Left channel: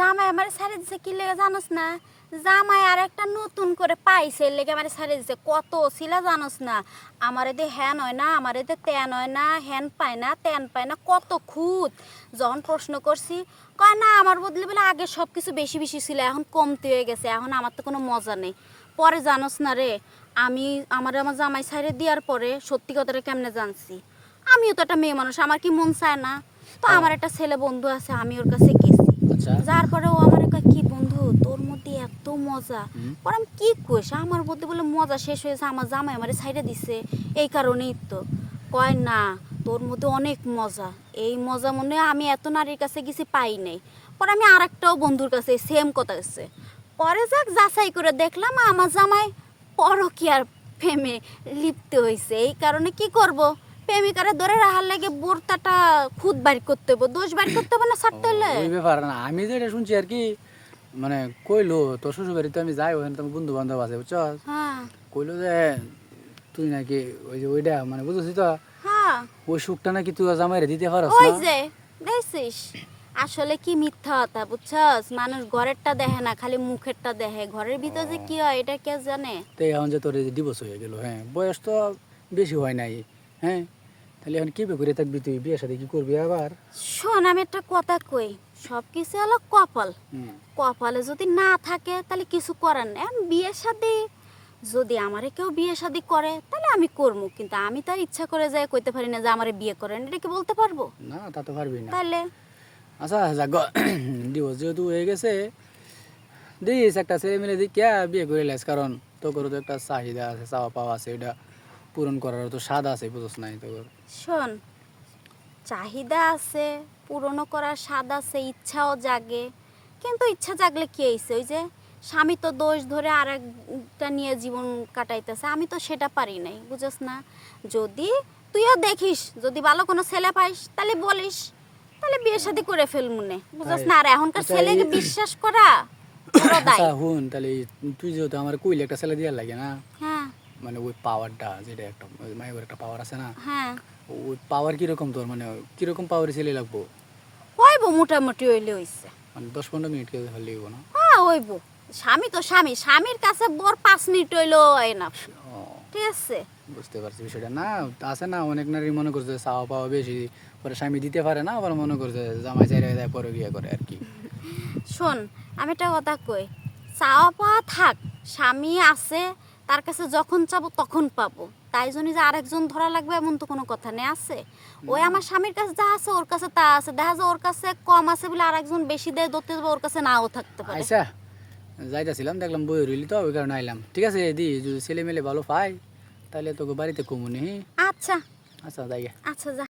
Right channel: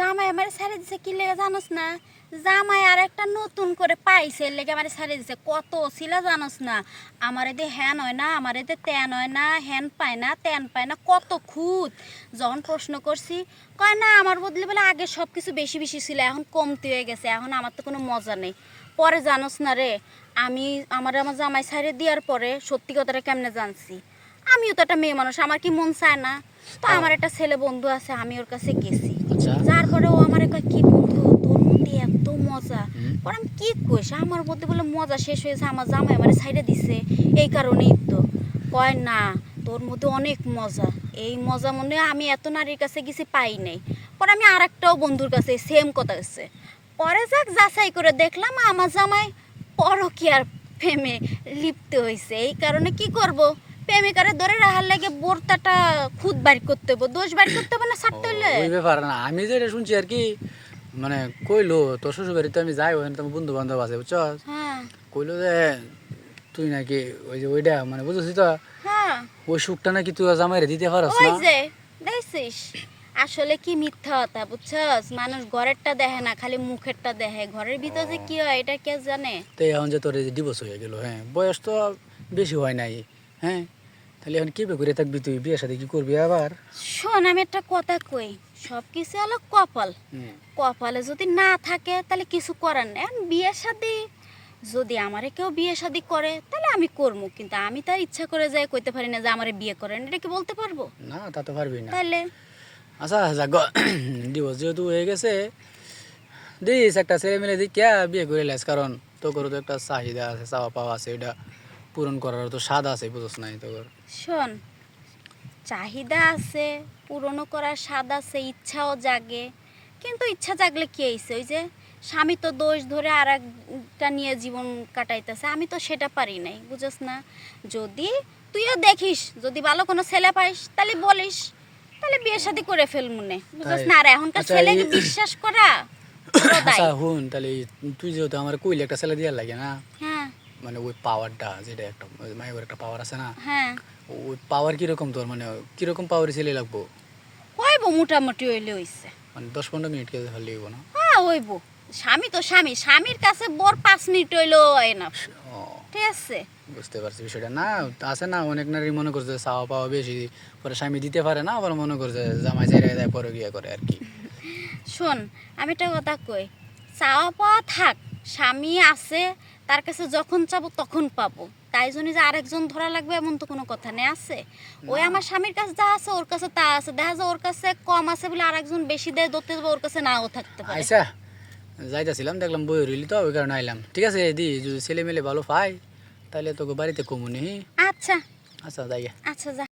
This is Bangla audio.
জামাই আমার ছেড়ে দিছে কি লেগে জানোস না? জামাই আর একটা নতুন করে পাইছে এর লেগে আমার ছেড়ে দিছে। কত ছিল জানোস না? আমার এতে হ্যান হয় না আমার এতে তেন হয় না হ্যান পায় না তেন পায় না কত খুঁত। যখন প্রশ্ন করছি কয় না আমার বদলে বলে আগে সব কিছু বেশি বেশি ছিল এখন কমতে হয়ে গেছে এখন আমার তো কোনো মজা নেই। পরে জানোস না রে আমি আমার আমার জামাই ছাইড়ে দেওয়ার পরে সত্যি কথাটা কেমনে জানছি? আমিও তো একটা মেয়ে মানুষ আমার কি মন চায় না? তো আমার একটা ছেলে বন্ধু আছে আমি ওর কাছে গেছি। আচ্ছা। যার পরে ও আমার কয় কি বন্ধু তোর মধ্যে এত মজা। পরে আমি কি কইস? আমার মধ্যে বলে মজা শেষ হয়েছে আমার জামাই আমার সাইডে দিছে। এই কারণেই তো। কয় না তোর মধ্যে অনেক মজা। এই মজা মনে আমি এত নারীর কাছে গেছি পাই নাই। পরে আমি আর একটাও বন্ধুর কাছে সেম কথা গেছে পরে যাক যাচাই করে দেখলাম আমার জামাই পরকিয়ার প্রেমে লিপ্ত হয়েছে এই কারণে কি করব? প্রেমিকারে ধরে রাখার লাগে বোরতাটা খুদ বাড়ি করতে হবে দোষ বাড়ি করতে হবে না ছাড়তে হলে ওই ব্যাপার না আমি যেটা শুনছি আর কি মানে কইলো তোর শ্বশুর বাড়িতে আমি যাই ওখানে তোমার বন্ধু বান্ধব আছে বুঝছ? হ্যাঁ। কইলো যে তুই নাকি ওই যে ওইটা মানে বুঝছিস তো? হ্যাঁ। ওই সুখটা নাকি তুই জামাইরে দিতে পারস ওই যে দেখছিস? আসলে কি মিথ্যা কথা বুঝছস? মানুষ ঘরেরটা দেখে না খালি মুখেরটা দেখে। ঘরের ভিতর যে কি হয় এটা কে জানে? তো এখন যে তোর ডিভোর্স হয়ে গেল হ্যাঁ বয়স তো বেশি হয় নাই হ্যাঁ? তাহলে এখন কি করে থাকবি তুই? বিয়ের সাথে কি করবি আবার? শোন আমি একটা কথা কই। সব কিছু হলো কপাল। কপালে যদি না থাকে তাহলে কিছু করার নেই। বিয়ের সাথে যদি আমারে কেউ বিয়ে শাদি করে তাহলে আমি করব। কিন্তু আমি তার ইচ্ছা করে যাই কইতে পারি না যে আমারে বিয়ে করেন এটা কি বলতে পারব? না তা তো পারবি না। তাহলে? আচ্ছা যাক ডিভোর্স যেহেতু হয়ে গেছে দিস একটা ছেলে মিলে দিক কে বিয়ে করে লাইস কারণ তোর তো একটা চাহিদা আছে চাওয়া পাওয়া আছে এটা পূরণ করার তো স্বাদ আছে বুঝছ নাই তোর শোন চাহিদা আছে পূরণও করার স্বাদ আছে ইচ্ছাও জাগে। কিন্তু ইচ্ছা জাগলে কি হয়েছে ওই যে স্বামী তো দোষ ধরে আর একটা নিয়ে জীবন কাটাইতেছে আমি তো সেটা পারি নাই বুঝস না? যদি তুইও দেখিস যদি ভালো কোনো ছেলে পাইস তাহলে বলিস তাহলে বিয়ে শাদি করে ফেল মনে বুঝস না? আর এখনকার ছেলে ছেলেকে এই- বিশ্বাস করা আচ্ছা হুন তাহলে তুই যেহেতু আমার কইলে একটা ছেলে দিয়ে লাগে না? হ্যাঁ মানে ওই পাওয়ারটা যেটা একটা মায়ের একটা পাওয়ার আছে না? হ্যাঁ। ওই পাওয়ার কীরকম তোর? মানে কীরকম পাওয়ার ছেলে লাগবো? হইব মোটামুটি হইলে হইছে। মানে দশ পনেরো মিনিট কে হলে না? হ্যাঁ হইব। স্বামী তো স্বামী স্বামীর কাছে বোর পাঁচ মিনিট হইলেও এনাফ ও ঠিক আছে। বুঝতে পারছি বিষয়টা। না আছে না অনেক নারী মনে করছে চাওয়া পাওয়া বেশি পরে স্বামী দিতে পারে না আবার মনে করছে জামাই চাইরে দেয় পরে বিয়ে করে আর কি। শোন আমি একটা কথা কই চাওয়া পাওয়া থাক স্বামী আছে তার কাছে যখন চাবো তখন পাবো। তাই জন্য যে আরেকজন ধরা লাগবে এমন তো কোনো কথা নেই আছে? ওই আমার স্বামীর কাছে যা আছে ওর কাছে তা আছে। দেখা যায় ওর কাছে কম আছে বলে আরেকজন বেশি দেয় ধরতে যাবে ওর কাছে নাও থাকতে পারে। আচ্ছা যাইতেছিলাম দেখলাম বই রইলি তো ওই কারণে আইলাম। ঠিক আছে দি যদি ছেলে মেলে ভালো পাই তাহলে তোকে বাড়িতে কমুনি আচ্ছা। আচ্ছা যাই। আচ্ছা যা।